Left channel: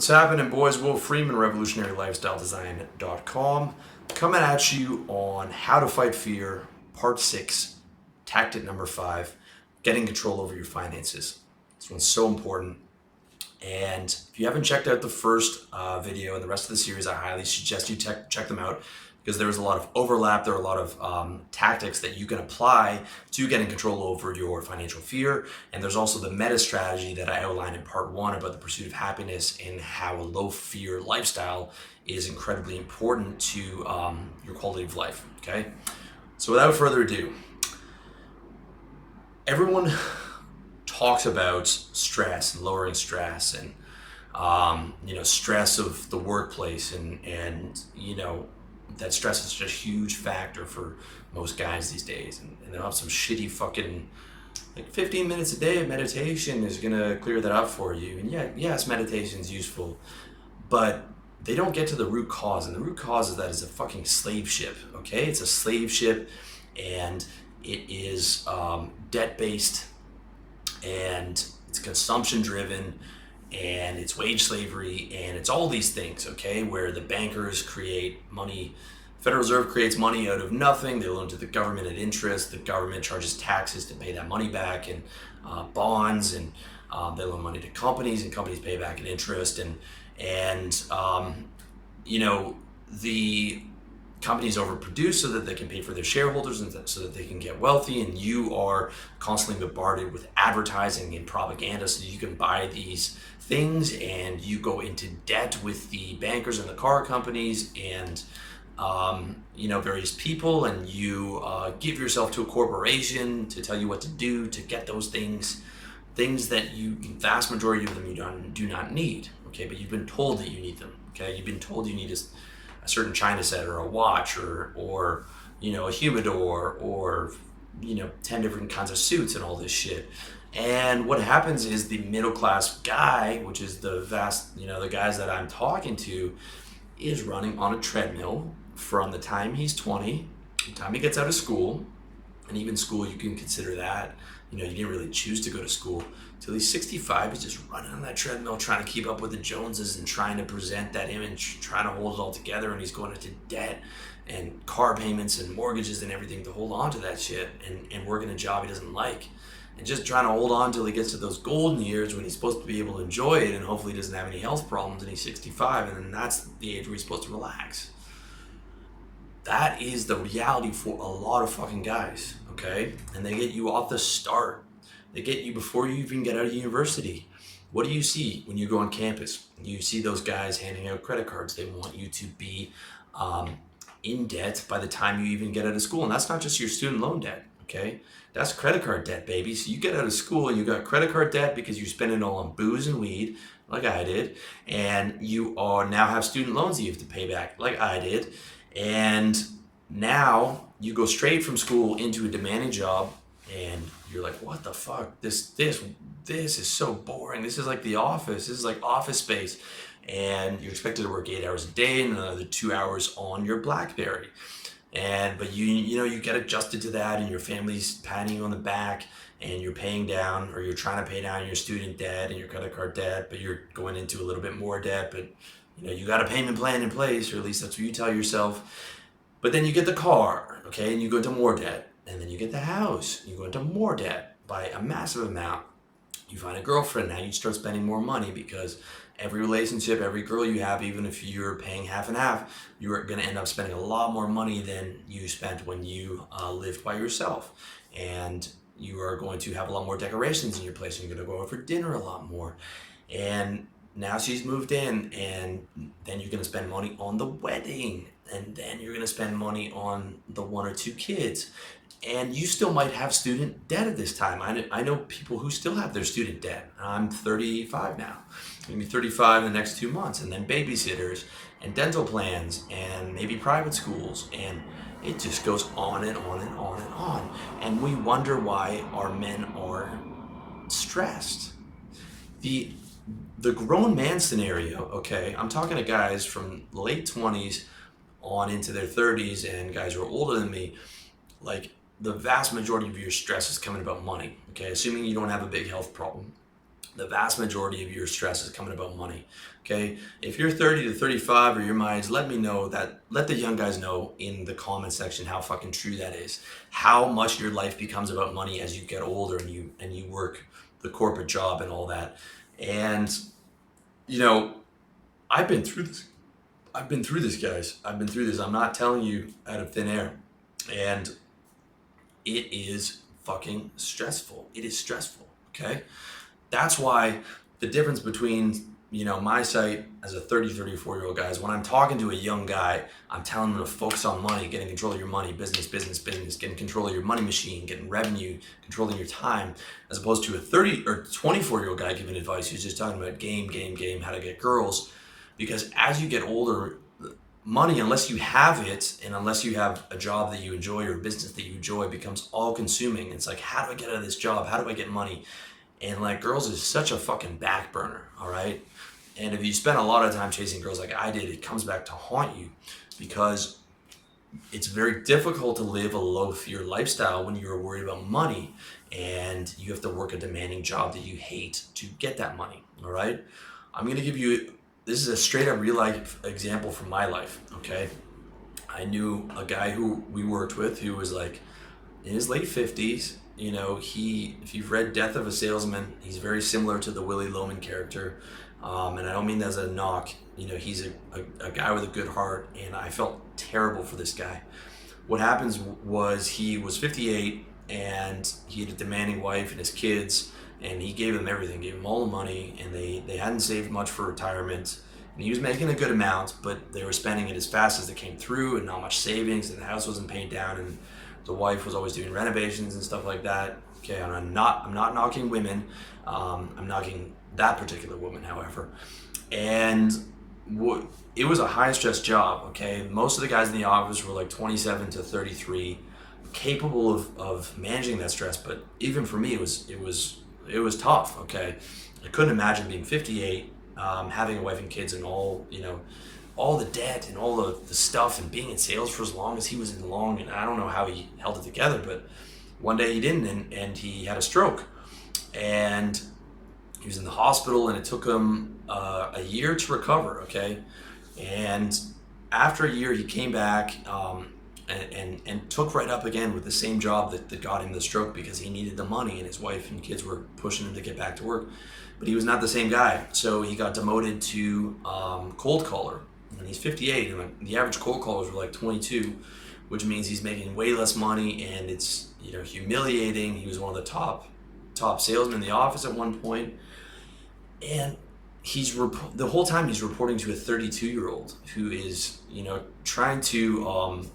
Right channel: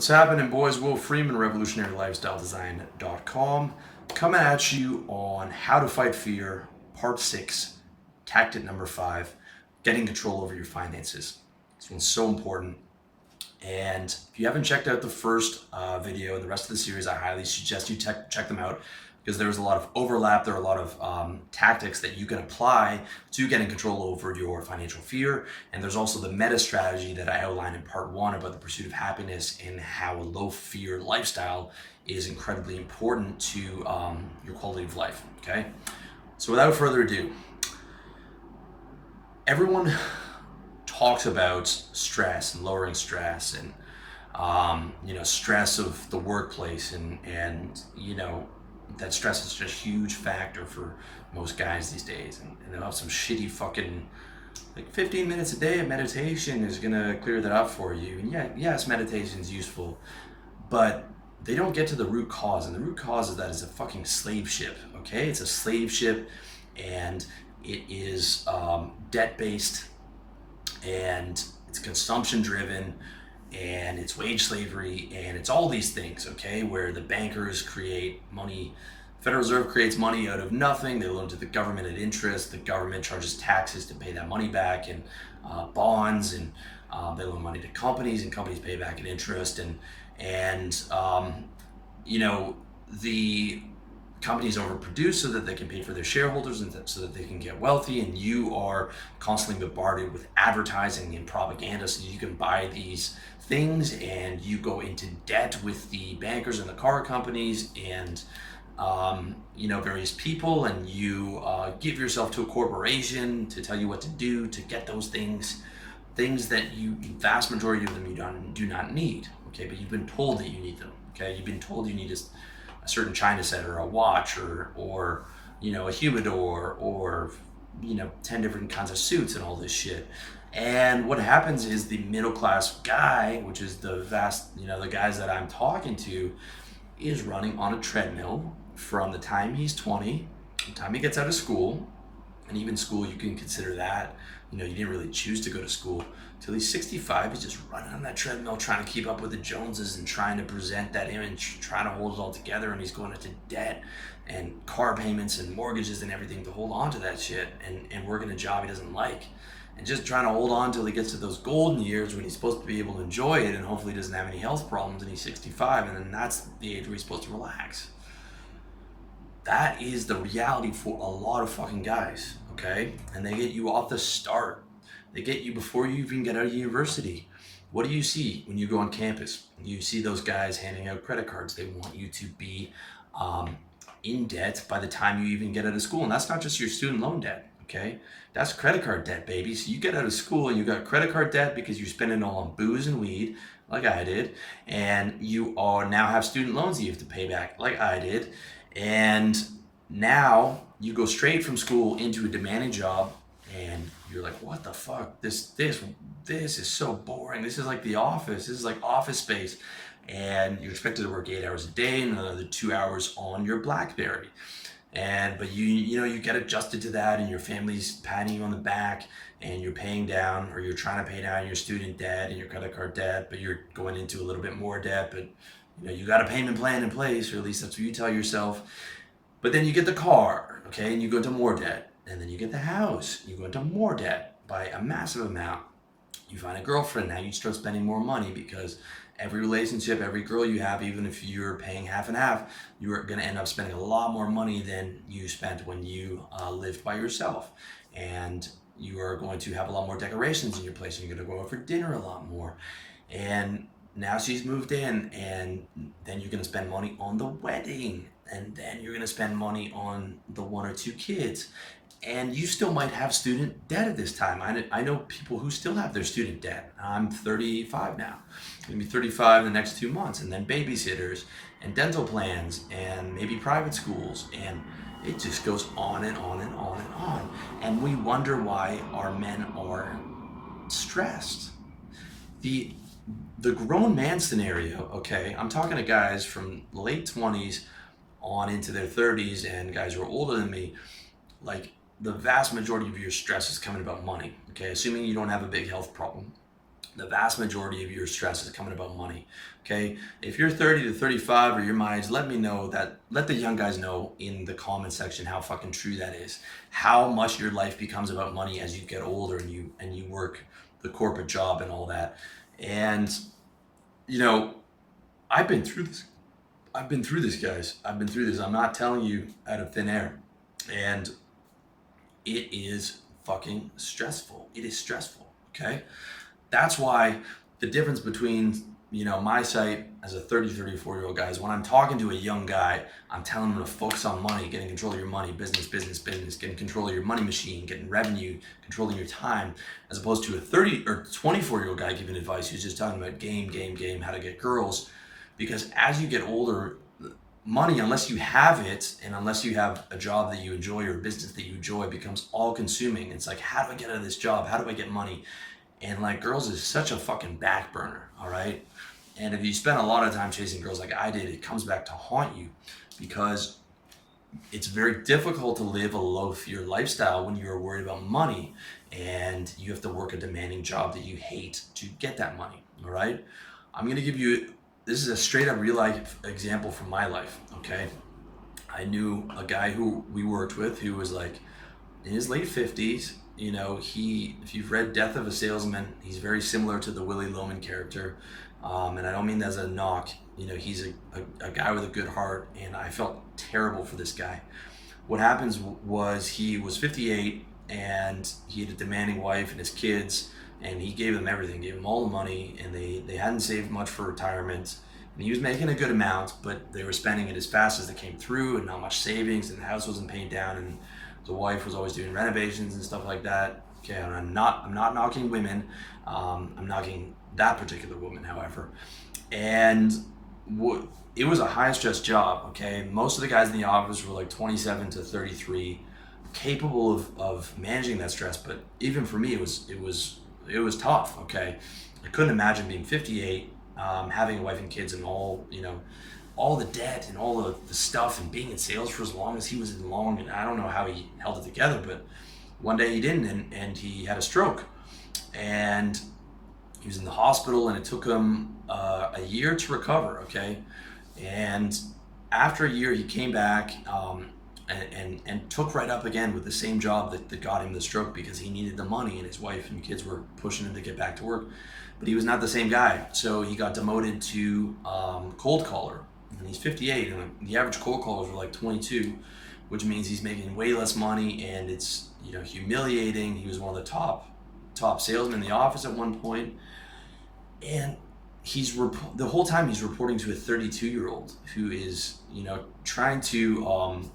What's happening, boys? Will Freeman, RevolutionaryLifestyleDesign.com, coming at you on How to Fight Fear, Part 6, Tactic number 5, Getting Control Over Your Finances. This one's so important. And if you haven't checked out the first video and the rest of the series, I highly suggest you check them out, because there's a lot of overlap. There are a lot of tactics that you can apply to getting control over your financial fear. And there's also the meta strategy that I outlined in part 1 about the pursuit of happiness and how a low fear lifestyle is incredibly important to your quality of life, okay? So without further ado, everyone talks about stress and lowering stress and stress of the workplace and that stress is just a huge factor for most guys these days, and they'll have some shitty fucking 15 minutes a day of meditation is gonna clear that up for you. And yes, meditation is useful, but they don't get to the root cause, and the root cause is that it's a fucking slave ship, okay? It's a slave ship, and it is debt-based, and it's consumption-driven, and it's wage slavery, and it's all these things, okay, where the bankers create money. Federal Reserve creates money out of nothing. They loan to the government at interest. The government charges taxes to pay that money back, and bonds, and they loan money to companies, and companies pay back at interest, and the companies overproduce so that they can pay for their shareholders and so that they can get wealthy, and you are constantly bombarded with advertising and propaganda so you can buy these things, and you go into debt with the bankers and the car companies and various people, and you give yourself to a corporation to tell you what to do to get those things that you, vast majority of them, you do not need, okay? But you've been told that you need them, okay? You've been told you need a certain China set or a watch or a humidor or 10 different kinds of suits and all this shit. And what happens is the middle class guy, which is the vast, the guys that I'm talking to, is running on a treadmill from the time he's 20, the time he gets out of school, and even school you can consider that, you didn't really choose to go to school, till he's 65. He's just running on that treadmill, trying to keep up with the Joneses and trying to present that image, trying to hold it all together, and he's going into debt and car payments and mortgages and everything to hold on to that shit, and working a job he doesn't like, and just trying to hold on till he gets to those golden years when he's supposed to be able to enjoy it, and hopefully he doesn't have any health problems, and he's 65, and then that's the age where he's supposed to relax. That is the reality for a lot of fucking guys, okay? And they get you off the start. They get you before you even get out of university. What do you see when you go on campus? You see those guys handing out credit cards. They want you to be in debt by the time you even get out of school. And that's not just your student loan debt, okay? That's credit card debt, baby. So you get out of school and you got credit card debt because you're spending it all on booze and weed, like I did. And you now have student loans that you have to pay back, like I did. And now you go straight from school into a demanding job, and you're like, what the fuck? This is so boring. This is like The Office. This is like Office Space. And you're expected to work 8 hours a day and another 2 hours on your BlackBerry. But you get adjusted to that, and your family's patting you on the back, and you're paying down, or you're trying to pay down your student debt and your credit card debt, but you're going into a little bit more debt, but you got a payment plan in place, or at least that's what you tell yourself. But then you get the car, okay, and you go into more debt. And then you get the house, you go into more debt by a massive amount. You find a girlfriend, now you start spending more money, because every relationship, every girl you have, even if you're paying half and half, you are gonna end up spending a lot more money than you spent when you lived by yourself. And you are going to have a lot more decorations in your place, and you're gonna go out for dinner a lot more. And now she's moved in, and then you're gonna spend money on the wedding, and then you're gonna spend money on the 1 or 2 kids. And you still might have student debt at this time. I know people who still have their student debt. I'm 35 now. I'm gonna be 35 in the next 2 months, and then babysitters and dental plans and maybe private schools, and it just goes on and on and on and on. And we wonder why our men are stressed. The grown man scenario, okay, I'm talking to guys from late 20s on into their 30s, and guys who are older than me, like, the vast majority of your stress is coming about money, okay? Assuming you don't have a big health problem. The vast majority of your stress is coming about money. Okay, if you're 30 to 35 or your my age, let me know that. Let the young guys know in the comment section how fucking true that is. How much your life becomes about money as you get older and you work the corporate job and all that. And you know, I've been through this. I've been through this, guys. I've been through this. I'm not telling you out of thin air. And it is fucking stressful. It is stressful. Okay. That's why the difference between, my site as a 30, 34-year-old guy is when I'm talking to a young guy, I'm telling him to focus on money, getting control of your money, business, getting control of your money machine, getting revenue, controlling your time, as opposed to a 30 or 24-year-old guy giving advice who's just talking about game, how to get girls. Because as you get older, money, unless you have it and unless you have a job that you enjoy or a business that you enjoy, becomes all consuming. It's like, how do I get out of this job? How do I get money? And like, girls is such a fucking back burner, all right? And if you spend a lot of time chasing girls like I did, it comes back to haunt you, because it's very difficult to live a low fear lifestyle when you're worried about money and you have to work a demanding job that you hate to get that money, all right? I'm gonna give you, this is a straight up real life example from my life, okay? I knew a guy who we worked with who was like in his late 50s. If you've read Death of a Salesman, he's very similar to the Willy Loman character. And I don't mean that as a knock. He's a guy with a good heart, and I felt terrible for this guy. What happens was he was 58, and he had a demanding wife and his kids, and he gave them everything, gave them all the money, and they hadn't saved much for retirement. And he was making a good amount, but they were spending it as fast as they came through, and not much savings, and the house wasn't paid down, and the wife was always doing renovations and stuff like that. Okay, and I'm not knocking women. I'm knocking that particular woman, however. And it was a high stress job. Okay, most of the guys in the office were like 27 to 33, capable of managing that stress. But even for me, it was tough. Okay, I couldn't imagine being 58, having a wife and kids, and all the debt and all the stuff, and being in sales for as long as he was in long. And I don't know how he held it together, but one day he didn't, and he had a stroke, and he was in the hospital, and it took him a year to recover. Okay, and after a year he came back and took right up again with the same job that got him the stroke, because he needed the money and his wife and kids were pushing him to get back to work. But he was not the same guy, so he got demoted to cold caller. And he's 58, and the average cold callers are like 22, which means he's making way less money, and it's humiliating. He was one of the top salesmen in the office at one point, and the whole time he's reporting to a 32-year-old who is trying to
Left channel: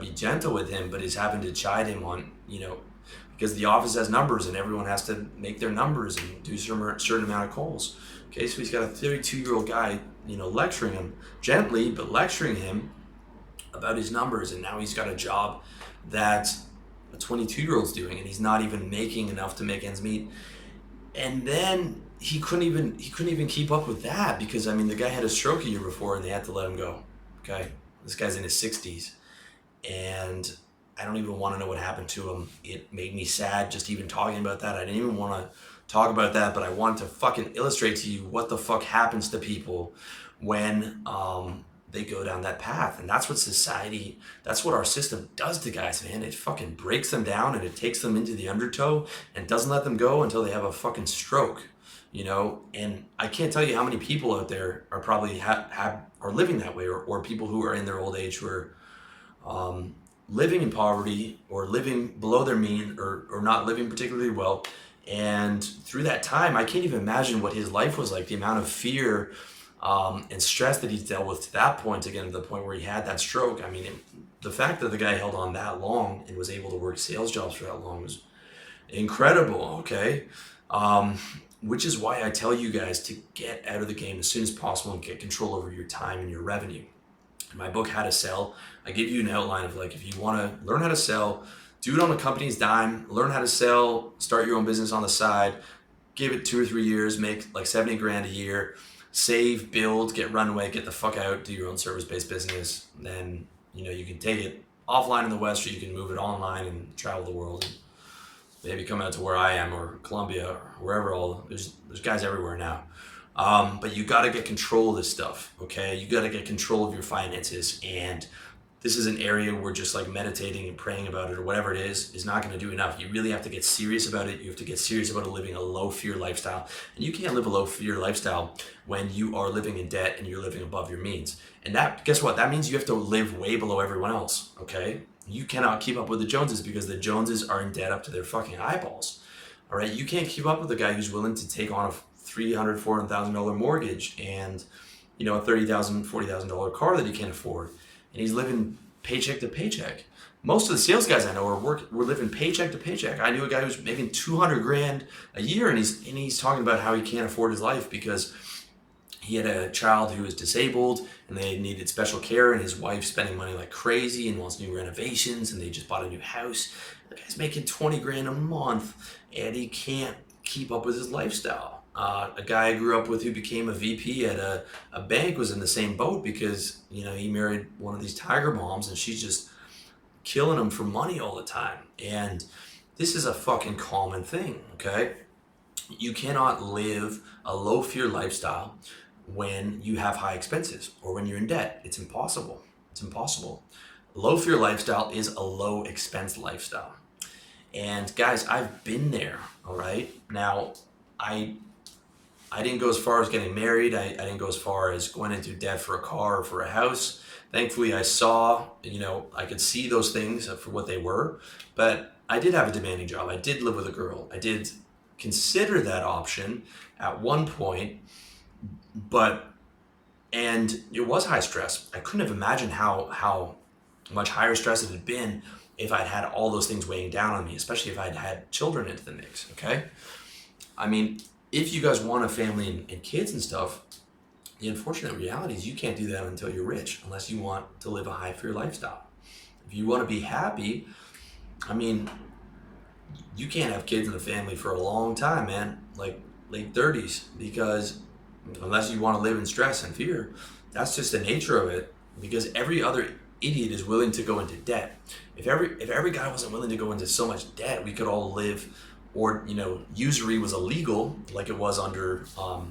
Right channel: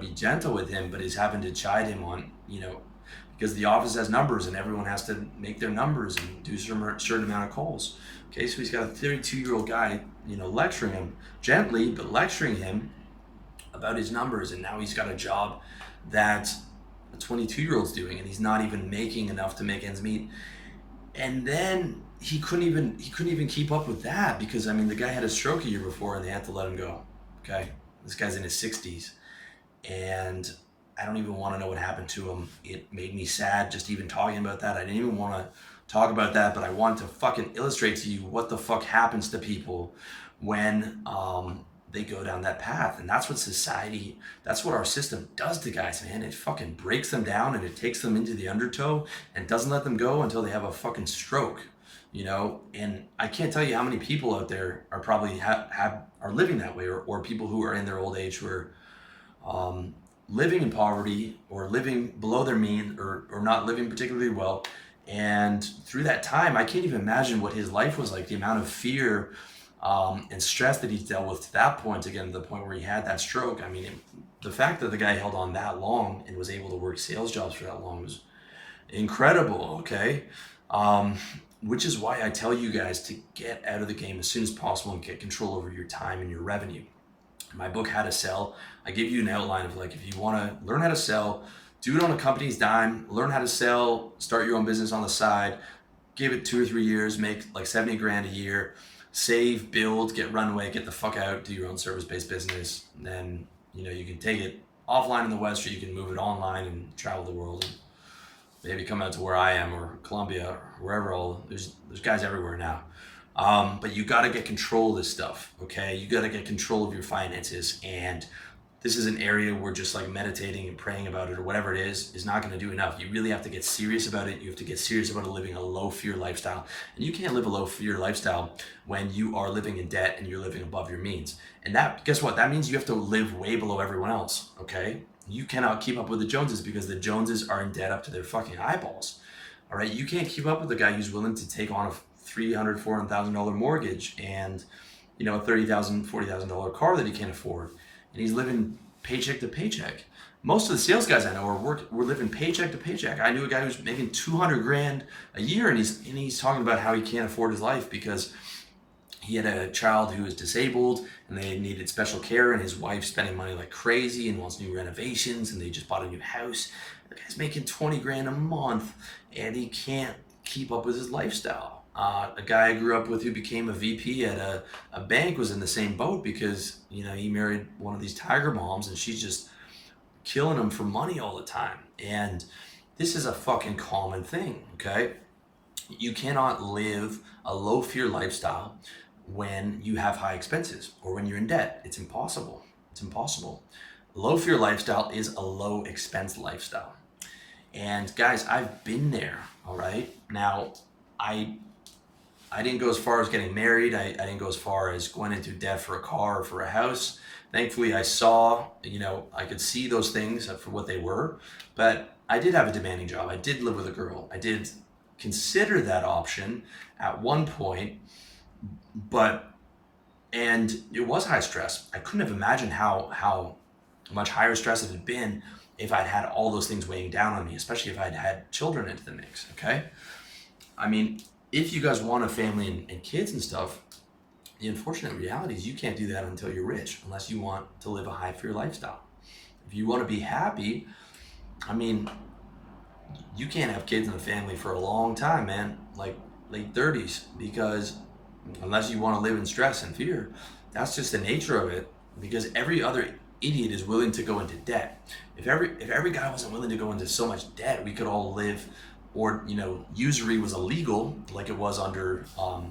be gentle with him, but is having to chide him on because the office has numbers and everyone has to make their numbers and do a certain amount of calls. Okay, so he's got a 32-year-old guy, lecturing him gently, but lecturing him about his numbers. And now he's got a job that a 22-year-old's doing, and he's not even making enough to make ends meet. And then he couldn't even keep up with that, because the guy had a stroke a year before and they had to let him go. Okay, this guy's in his 60s, and I don't even want to know what happened to him. It made me sad just even talking about that. I didn't even want to talk about that, but I wanted to fucking illustrate to you what the fuck happens to people when they go down that path. And that's what our system does to guys, man. It fucking breaks them down, and it takes them into the undertow and doesn't let them go until they have a fucking stroke, And I can't tell you how many people out there are probably are living that way, or people who are in their old age who are living in poverty, or living below their mean, or not living particularly well. And through that time, I can't even imagine what his life was like, the amount of fear and stress that he's dealt with to that point, again, to the point where he had that stroke. The fact that the guy held on that long and was able to work sales jobs for that long was incredible, okay? Which is why I tell you guys to get out of the game as soon as possible and get control over your time and your revenue. In my book, How to Sell, I give you an outline of if you want to learn how to sell, do it on a company's dime, learn how to sell, start your own business on the side, give it 2 or 3 years, make like 70 grand a year, save, build, get runway, get the fuck out, do your own service-based business. Then, you can take it offline in the West, or you can move it online and travel the world and maybe come out to where I am or Colombia or wherever. There's guys everywhere now. But you got to get control of this stuff, okay? You got to get control of your finances. And this is an area where just like meditating and praying about it or whatever it is not going to do enough. You really have to get serious about it. You have to get serious about living a low fear lifestyle. And you can't live a low fear lifestyle when you are living in debt and you're living above your means. And that, guess what? That means you have to live way below everyone else, okay? You cannot keep up with the Joneses because the Joneses are in debt up to their fucking eyeballs. All right, you can't keep up with the guy who's willing to take on a $300,000-$400,000 mortgage and a $30,000, $40,000 car that he can't afford, and he's living paycheck to paycheck. Most of the sales guys I know we're living paycheck to paycheck. I knew a guy who's making $200,000 a year, and he's talking about how he can't afford his life because he had a child who was disabled and they needed special care, and his wife's spending money like crazy and wants new renovations, and they just bought a new house. The guy's making $20,000 a month and he can't keep up with his lifestyle. A guy I grew up with who became a VP at a bank was in the same boat because he married one of these tiger moms and she's just killing him for money all the time. And this is a fucking common thing, okay? You cannot live a low fear lifestyle when you have high expenses or when you're in debt. It's impossible. It's impossible. Low fear lifestyle is a low expense lifestyle. And guys, I've been there, all right? Now, I didn't go as far as getting married. I didn't go as far as going into debt for a car or for a house. Thankfully, I saw, I could see those things for what they were. But I did have a demanding job. I did live with a girl. I did consider that option at one point, and it was high stress. I couldn't have imagined how much higher stress it had been if I'd had all those things weighing down on me, especially if I'd had children into the mix, okay? I mean, if you guys want a family and kids and stuff, the unfortunate reality is you can't do that until you're rich, unless you want to live a high fear lifestyle. If you want to be happy, I mean, you can't have kids in the family for a long time, man, like late 30s, because unless you want to live in stress and fear, that's just the nature of it, because every other idiot is willing to go into debt. If every guy wasn't willing to go into so much debt, we could all live, or usury was illegal like it was under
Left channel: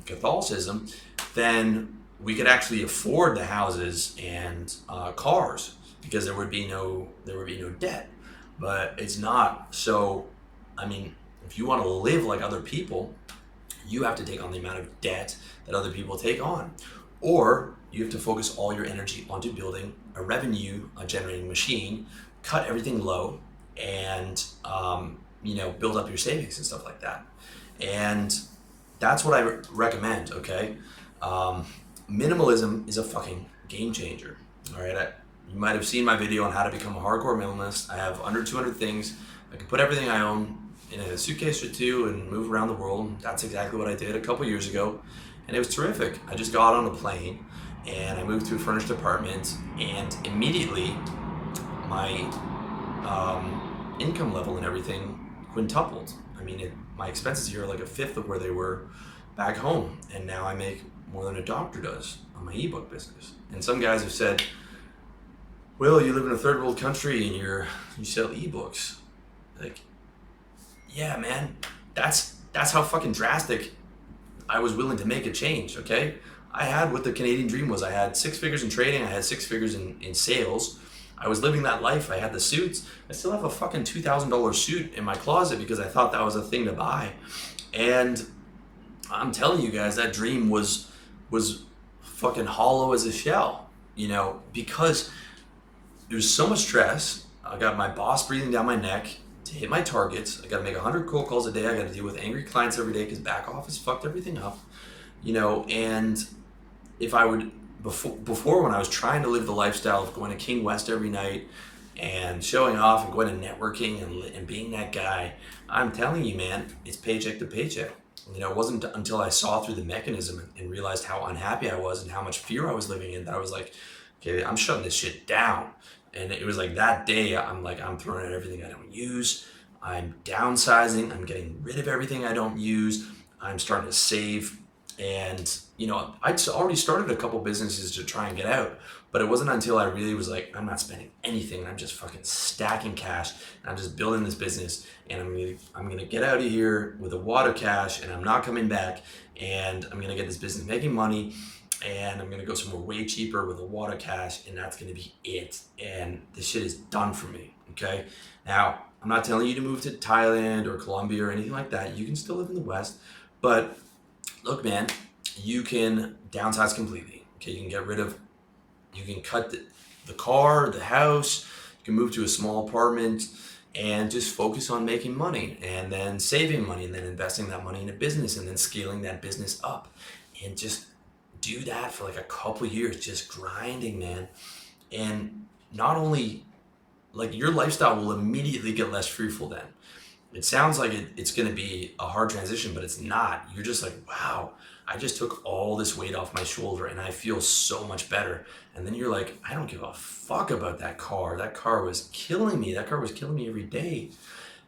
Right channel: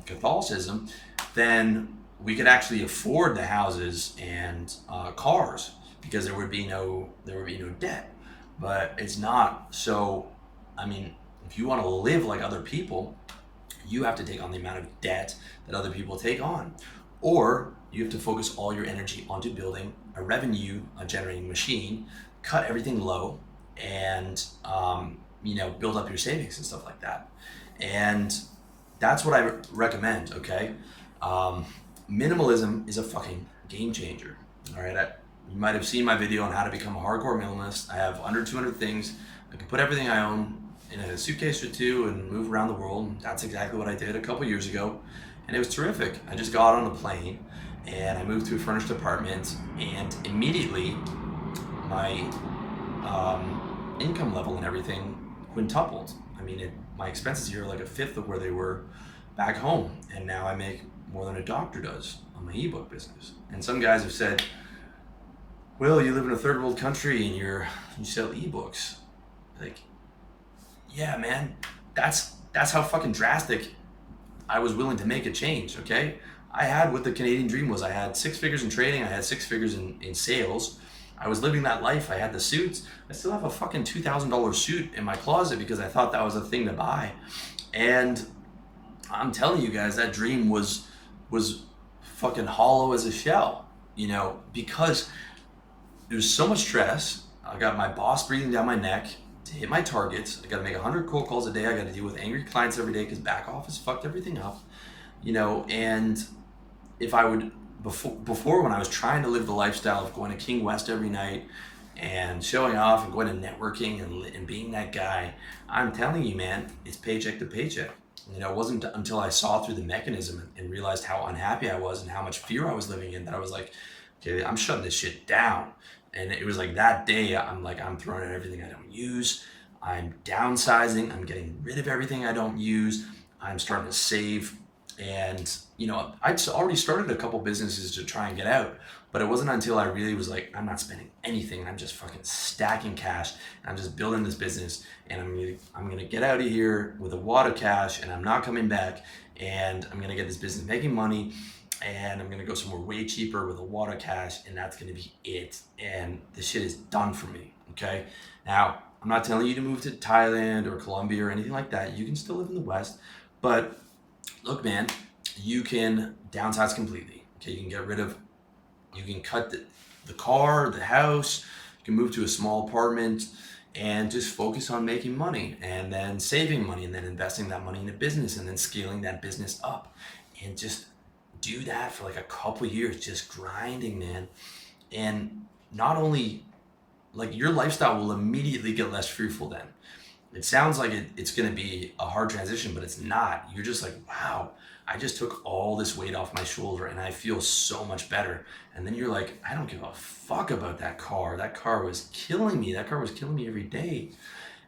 Catholicism, then we could actually afford the houses and cars because there would be no debt. But it's not. So I mean, if you want to live like other people, you have to take on the amount of debt that other people take on, or you have to focus all your energy onto building a revenue generating machine, cut everything low, and build up your savings and stuff like that. And that's what I recommend, okay? Minimalism is a fucking game changer, all right? You might have seen my video on how to become a hardcore minimalist. I have under 200 things. I can put everything I own in a suitcase or two and move around the world. That's exactly what I did a couple years ago, and it was terrific. I just got on a plane and I moved to a furnished apartment, and immediately my income level and everything quintupled. I mean, my expenses here are like a fifth of where they were back home, and now I make more than a doctor does on my ebook business. And some guys have said, Will, you live in a third world country and you sell ebooks. Like, yeah, man, that's how fucking drastic I was willing to make a change, okay? I had what the Canadian dream was. I had 6 figures in trading, I had 6 figures in sales. I was living that life. I had the suits. I still have a fucking $2,000 suit in my closet because I thought that was a thing to buy. And I'm telling you guys, that dream was fucking hollow as a shell, because there's so much stress. I got my boss breathing down my neck to hit my targets. I got to make 100 cold calls a day. I got to deal with angry clients every day because back office fucked everything up, and if I would, before when I was trying to live the lifestyle of going to King West every night and showing off and going to networking and being that guy, I'm telling you, man, it's paycheck to paycheck. It wasn't until I saw through the mechanism and realized how unhappy I was and how much fear I was living in that I was like, okay, I'm shutting this shit down. And it was like that day, I'm throwing out everything I don't use. I'm downsizing. I'm getting rid of everything I don't use. I'm starting to save And, I'd already started a couple businesses to try and get out, but it wasn't until I really was like, I'm not spending anything. I'm just fucking stacking cash. And I'm just building this business, and I'm gonna get out of here with a wad of cash, and I'm not coming back. And I'm gonna get this business making money, and I'm gonna go somewhere way cheaper with a wad of cash, and that's gonna be it. And this shit is done for me. Okay. Now, I'm not telling you to move to Thailand or Colombia or anything like that. You can still live in the West, but look, man, you can downsize completely. Okay, you can cut the car, the house, you can move to a small apartment and just focus on making money and then saving money and then investing that money in a business and then scaling that business up and just do that for like a couple years, just grinding, man. And not only like your lifestyle will immediately get less fearful then. It sounds like it's going to be a hard transition, but it's not. You're just like, wow, I just took all this weight off my shoulder and I feel so much better. And then you're like, I don't give a fuck about that car. That car was killing me. That car was killing me every day.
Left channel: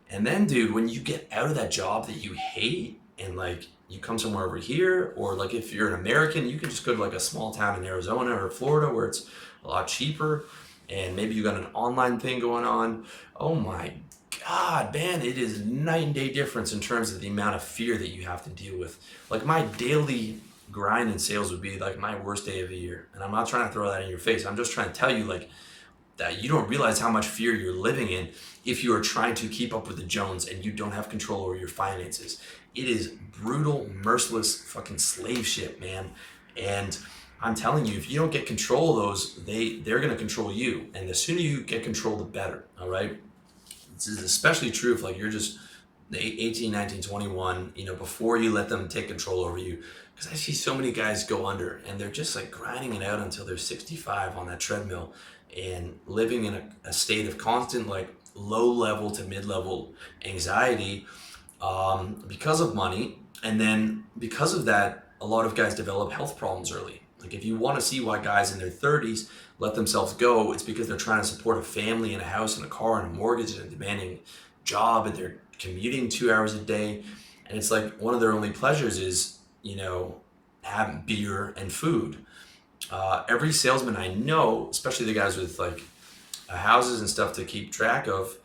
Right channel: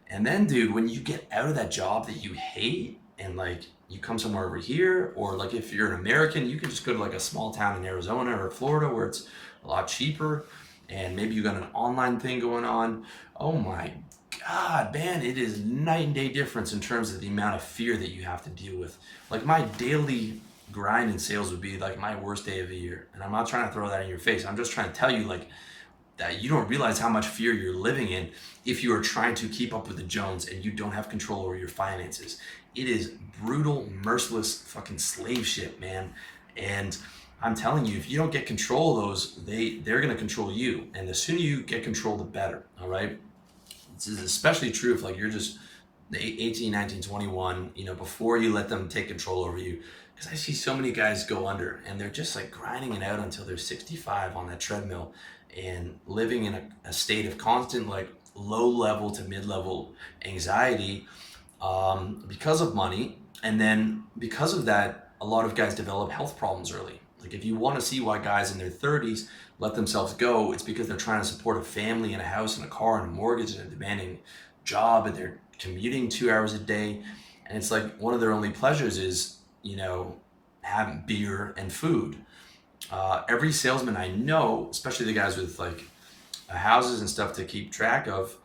And then, dude, when you get out of that job that you hate and like you come somewhere over here, or like if you're an American, you can just go to like a small town in Arizona or Florida where it's a lot cheaper and maybe you got an online thing going on. Oh my God, man, it is night and day difference in terms of the amount of fear that you have to deal with. Like my daily grind in sales would be like my worst day of the year. And I'm not trying to throw that in your face. I'm just trying to tell you like that you don't realize how much fear you're living in if you are trying to keep up with the Jones and you don't have control over your finances. It is brutal, merciless fucking slave ship, man. And I'm telling you, if you don't get control of those, they're gonna control you. And the sooner you get control, the better. All right. This is especially true if like you're just 18, 19, 21, before you let them take control over you. Because I see so many guys go under and they're just like grinding it out until they're 65 on that treadmill and living in a state of constant like low level to mid level anxiety because of money. And then because of that, a lot of guys develop health problems early. Like if you want to see why guys in their 30s let themselves go, it's because they're trying to support a family and a house and a car and a mortgage and a demanding job, and they're commuting 2 hours a day. And it's like one of their only pleasures is, having beer and food. Every salesman I know, especially the guys with like houses and stuff to keep track of,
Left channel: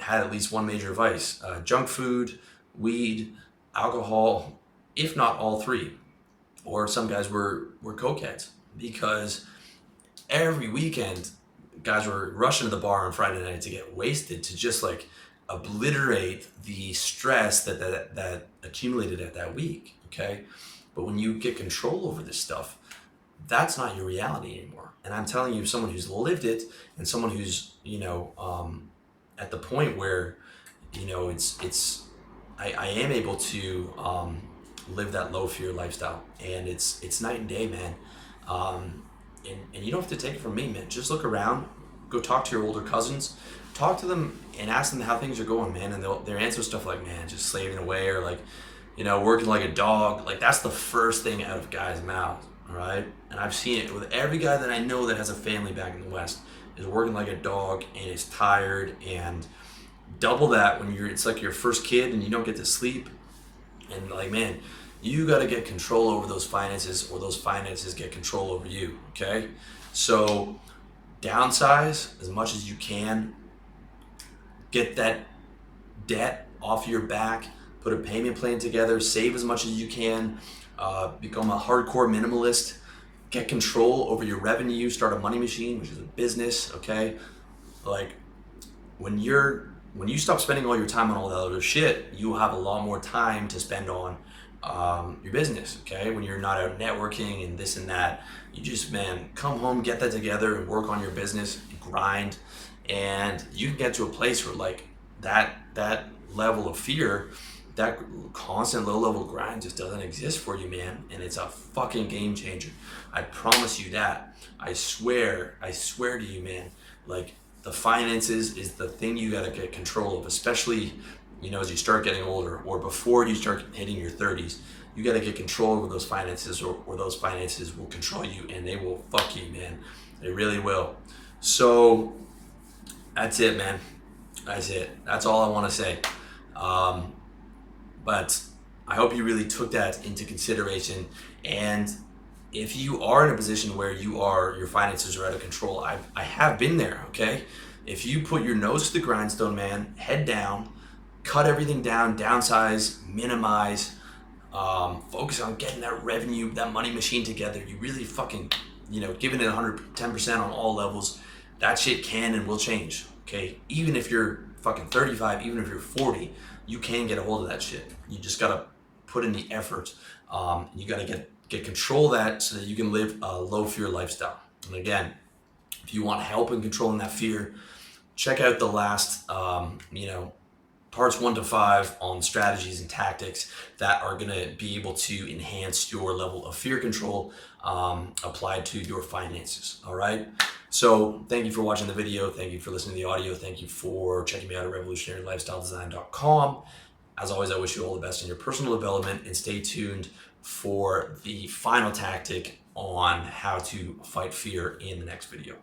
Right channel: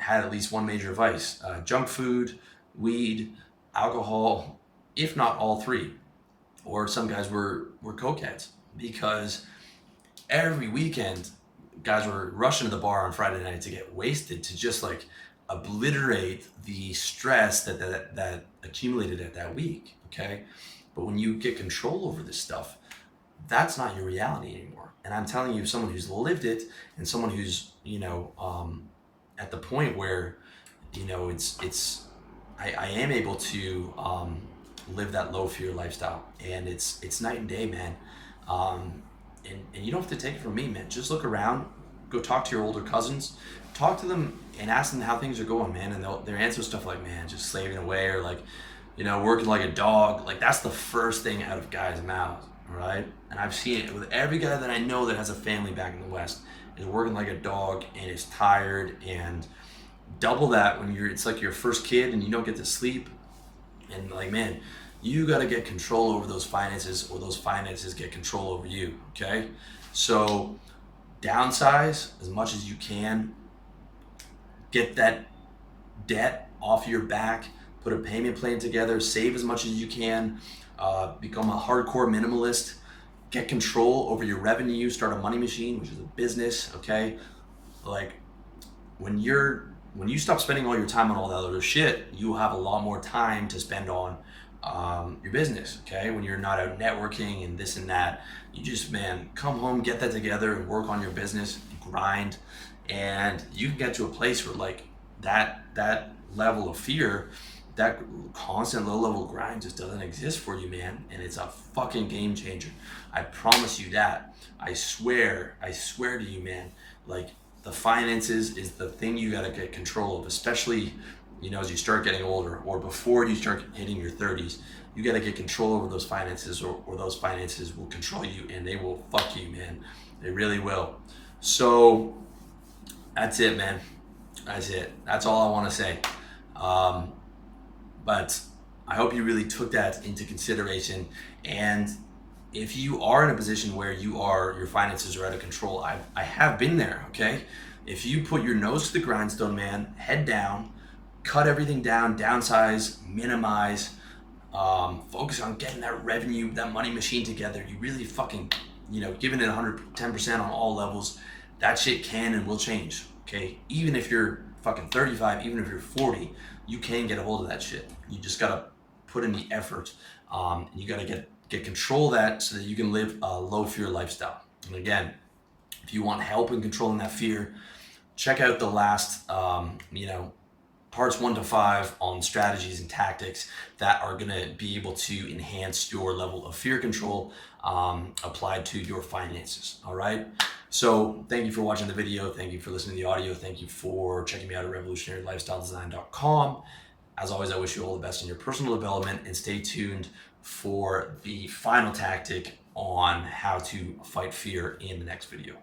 had at least one major vice: junk food, weed, alcohol, if not all three. Or some guys were cokeheads because every weekend guys were rushing to the bar on Friday night to get wasted to just like obliterate the stress that accumulated at that week. Okay, but when you get control over this stuff, that's not your reality anymore. And I'm telling you, someone who's lived it and someone who's at the point where I am able to live that low fear lifestyle, and it's night and day, man. And you don't have to take it from me, man. Just look around, go talk to your older cousins, talk to them and ask them how things are going, man. And they'll answer stuff like, man, just slaving away, or like, working like a dog. Like that's the first thing out of guys' mouths, all right? And I've seen it with every guy that I know that has a family back in the West is working like a dog and is tired, and double that when it's like your first kid and you don't get to sleep. And like, man, you got to get control over those finances, or those finances get control over you. Okay. So downsize as much as you can, get that debt off your back, put a payment plan together, save as much as you can, become a hardcore minimalist, get control over your revenue, start a money machine, which is a business. Okay. Like when you stop spending all your time on all that other shit, you have a lot more time to spend on your business. Okay, when you're not out networking and this and that, you just, man, come home, get that together, and work on your business, and grind, and you can get to a place where like that level of fear, that constant low level grind just doesn't exist for you, man. And it's a fucking game changer. I promise you that. I swear to you, man. Like the finances is the thing you got to get control of, especially as you start getting older, or before you start hitting your 30s. You got to get control over those finances, or those finances will control you, and they will fuck you, man. They really will. So that's it, man. That's it. That's all I want to say. But I hope you really took that into consideration. And if you are in a position where your finances are out of control, I have been there, okay? If you put your nose to the grindstone, man, head down, cut everything down, downsize, minimize, focus on getting that revenue, that money machine together, you really fucking, giving it 110% on all levels, that shit can and will change, okay? Even if you're fucking 35, even if you're 40, you can get a hold of that shit. You just gotta put in the effort, and you gotta get control of that so that you can live a low fear lifestyle. And again, if you want help in controlling that fear, check out the last, parts 1 to 5 on strategies and tactics that are going to be able to enhance your level of fear control applied to your finances. All right. So thank you for watching the video. Thank you for listening to the audio. Thank you for checking me out at revolutionarylifestyledesign.com. As always, I wish you all the best in your personal development, and stay tuned for the final tactic on how to fight fear in the next video.